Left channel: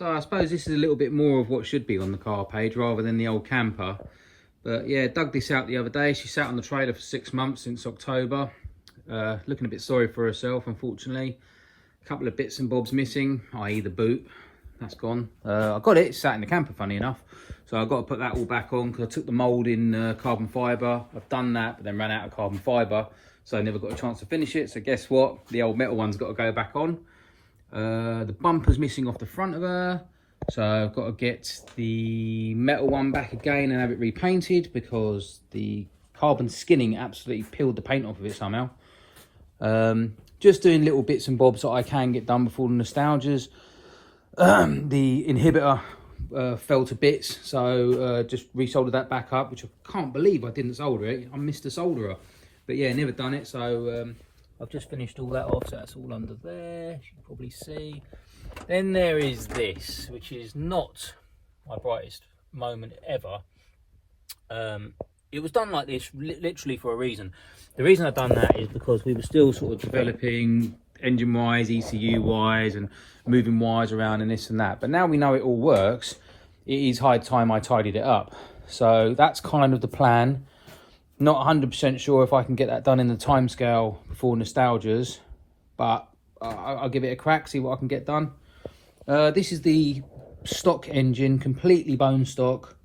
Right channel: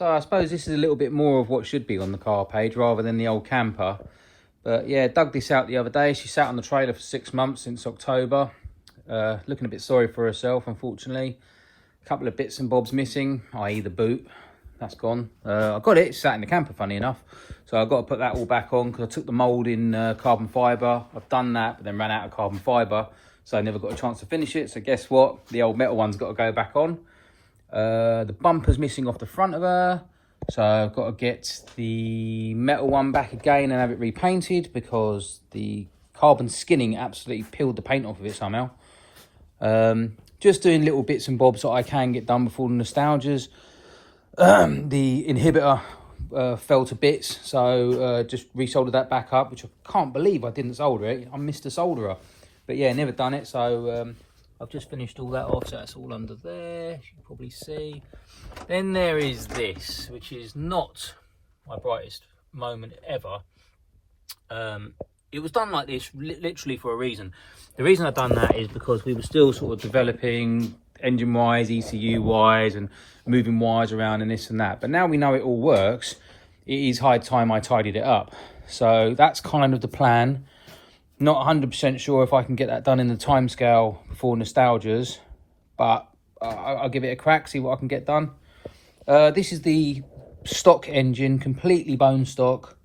So I suppose this is a little bit more of what should be on the car page rather than the old camper. But yeah, dug this out the other day. She sat on the trailer for 6 months since October. Looking a bit sorry for herself, unfortunately. A couple of bits and bobs missing, i.e. the boot. That's gone. I got it, it's sat in the camper, funny enough. So I've got to put that all back on because I took the mould in carbon fibre. I've done that, but then ran out of carbon fibre. So I never got a chance to finish it. So guess what? The old metal one's got to go back on. The bumper's missing off the front of her. So I've got to get the metal one back again and have it repainted because the carbon skinning absolutely peeled the paint off of it somehow. Just doing little bits and bobs that I can get done before the nostalgias. The inhibitor fell to bits, so just resoldered that back up, which I can't believe I didn't solder it. I missed a solderer. But yeah, never done it, so I've just finished all that off, so that's all under there, as you can probably see. Then there is this, which is not my brightest moment ever. It was done like this literally for a reason. The reason I've done that is because we were still sort of developing engine-wise, ECU-wise, and moving wires around and this and that. But now we know it all works, it is high time I tidied it up. So that's kind of the plan. Not 100% sure if I can get that done in the timescale before nostalgias, but I'll give it a crack, see what I can get done. This is the stock engine, completely bone stock.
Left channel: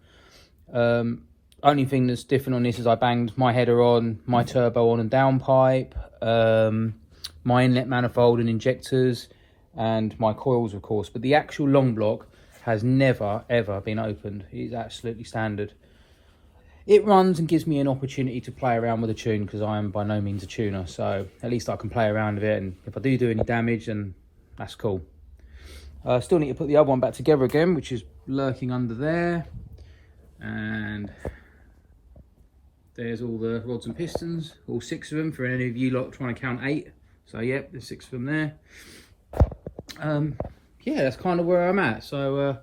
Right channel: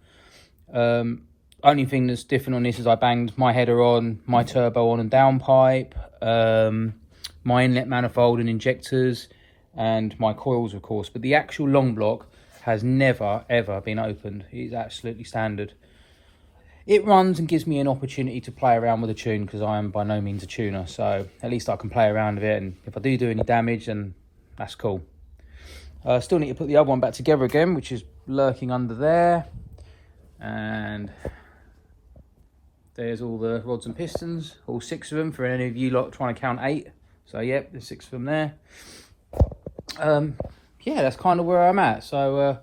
Only thing that's different on this is I banged my header on, my turbo on and downpipe, my inlet manifold and injectors, and my coils, of course. But the actual long block has never, ever been opened. It's absolutely standard. It runs and gives me an opportunity to play around with a tune because I am by no means a tuner. So at least I can play around with it. And if I do any damage, then that's cool. Still need to put the other one back together again, which is lurking under there. And there's all the rods and pistons, all 6 of them for any of you lot trying to count 8. So yep, there's 6 of them there. Yeah, that's kind of where I'm at. So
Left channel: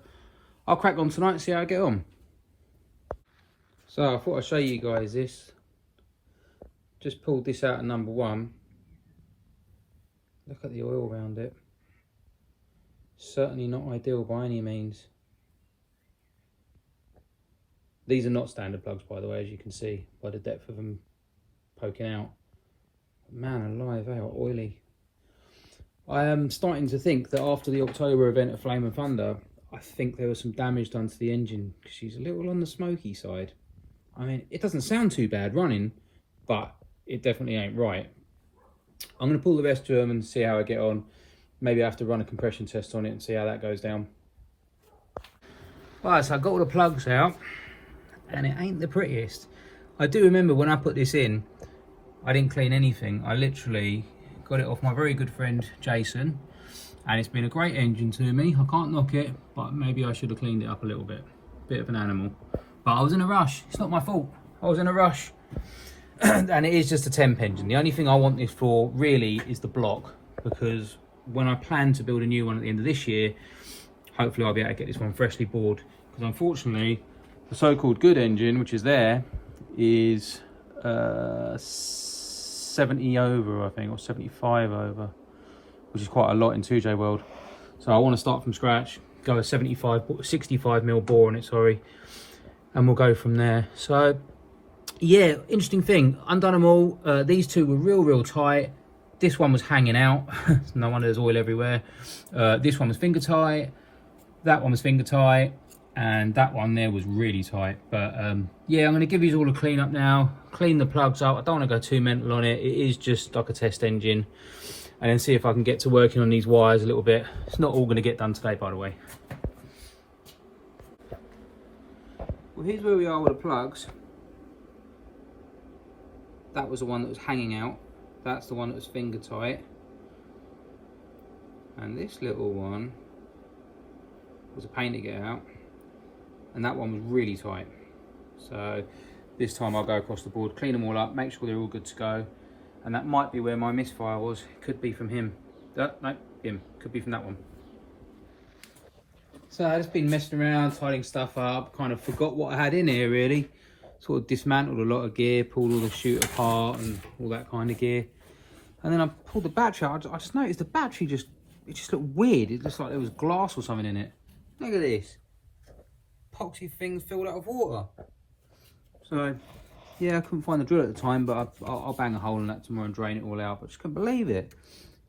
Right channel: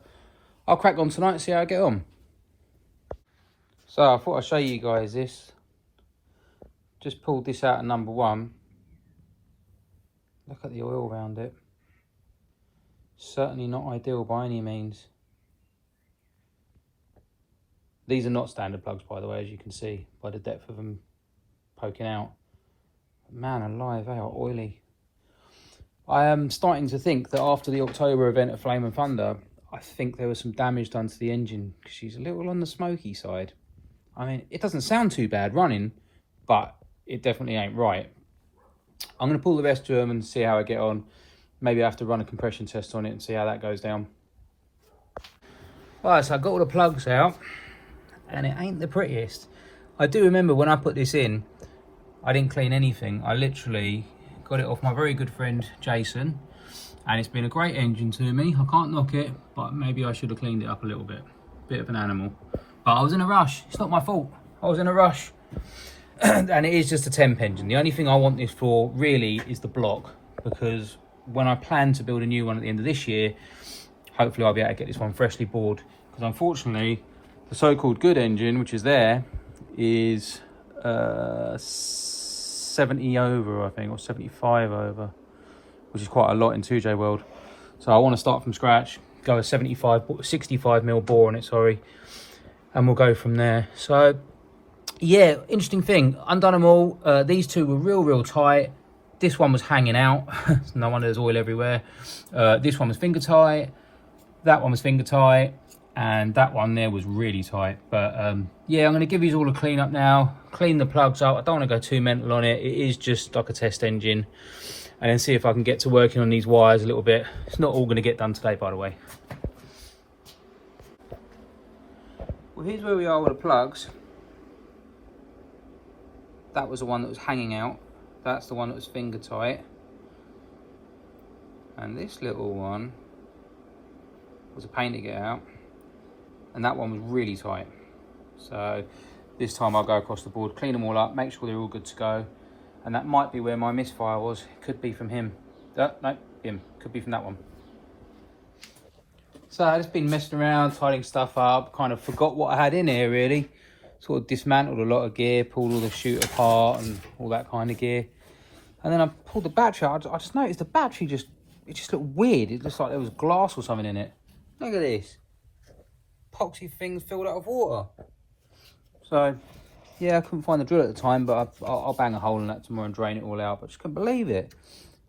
I'll crack on tonight and see how I get on. So I thought I'd show you guys this. Just pulled this out of number 1. Look at the oil around it. Certainly not ideal by any means. These are not standard plugs, by the way, as you can see by the depth of them poking out. Man alive, they are oily. I am starting to think that after the October event of Flame and Thunder, I think there was some damage done to the engine because she's a little on the smoky side. I mean, it doesn't sound too bad running, but it definitely ain't right. I'm going to pull the rest of them and see how I get on. Maybe I have to run a compression test on it and see how that goes down. Alright, so I got all the plugs out, and it ain't the prettiest. I do remember when I put this in, I didn't clean anything. I literally got it off my very good friend Jason, and it's been a great engine to me. I can't knock it, but maybe I should have cleaned it up a little bit. Bit of an animal. But I was in a rush. It's not my fault. I was in a rush. And it is just a temp engine. The only thing I want this for really is the block, because when I plan to build a new one at the end of this year, hopefully I'll be able to get this one freshly bored. Because unfortunately, the so-called good engine, which is there, is 70 over, I think, or 75 over, which is quite a lot in 2J world. So I want to start from scratch, go a 65mm bore on it, sorry, and we'll go from there. So yeah, interesting thing, undone them all. These two were real tight. This one was hanging out. No wonder there's oil everywhere. This one was finger tight, that one was finger tight, and that one there was really tight. But yeah, I'm going to give these all a clean up now, clean the plugs up. I don't want to go too mental on it. It is just like a test engine, and then see if I can get to working on these wires a little bit. It's not all going to get done today, by the way. Well, here's where we are with the plugs. That was the one that was hanging out. That's the one that was finger tight. And this little one was a pain to get out. And that one was really tight. So this time I'll go across the board, clean them all up, make sure they're all good to go. And that might be where my misfire was. Could be from him. No, him. Could be from that one. So I've just been messing around, tidying stuff up, kind of forgot what I had in here really. Sort of dismantled a lot of gear, pulled all the chute apart and all that kind of gear. And then I pulled the battery out. I just noticed the battery it just looked weird. It looked like there was glass or something in it. Look at this. Epoxy thing's filled out of water. So, yeah, I couldn't find the drill at the time, but I'll bang a hole in that tomorrow and drain it all out. But I just couldn't believe it.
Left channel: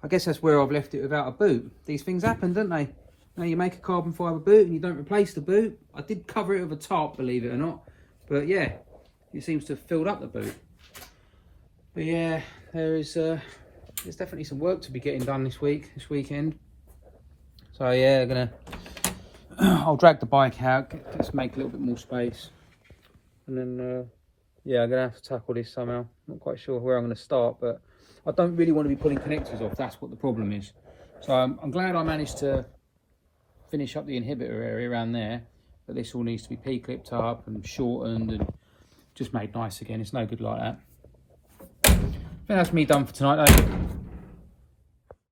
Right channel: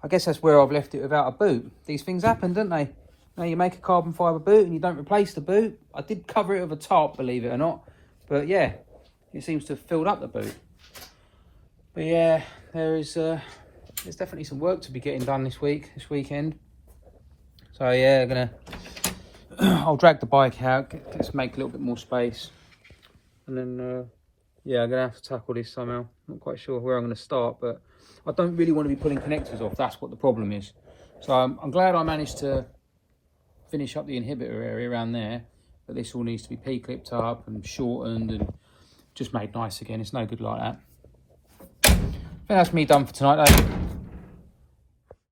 I guess that's where I've left it without a boot. These things happen, don't they? Now you make a carbon fibre boot and you don't replace the boot. I did cover it with a tarp, believe it or not. But yeah, it seems to have filled up the boot. But yeah, there's definitely some work to be getting done this weekend. So yeah, I'll drag the bike out, just make a little bit more space. And then, yeah, I'm going to have to tackle this somehow. Not quite sure where I'm going to start, but I don't really want to be pulling connectors off. That's what the problem is. So I'm glad I managed to finish up the inhibitor area around there. But this all needs to be P-clipped up and shortened and just made nice again. It's no good like that. I think that's me done for tonight, though.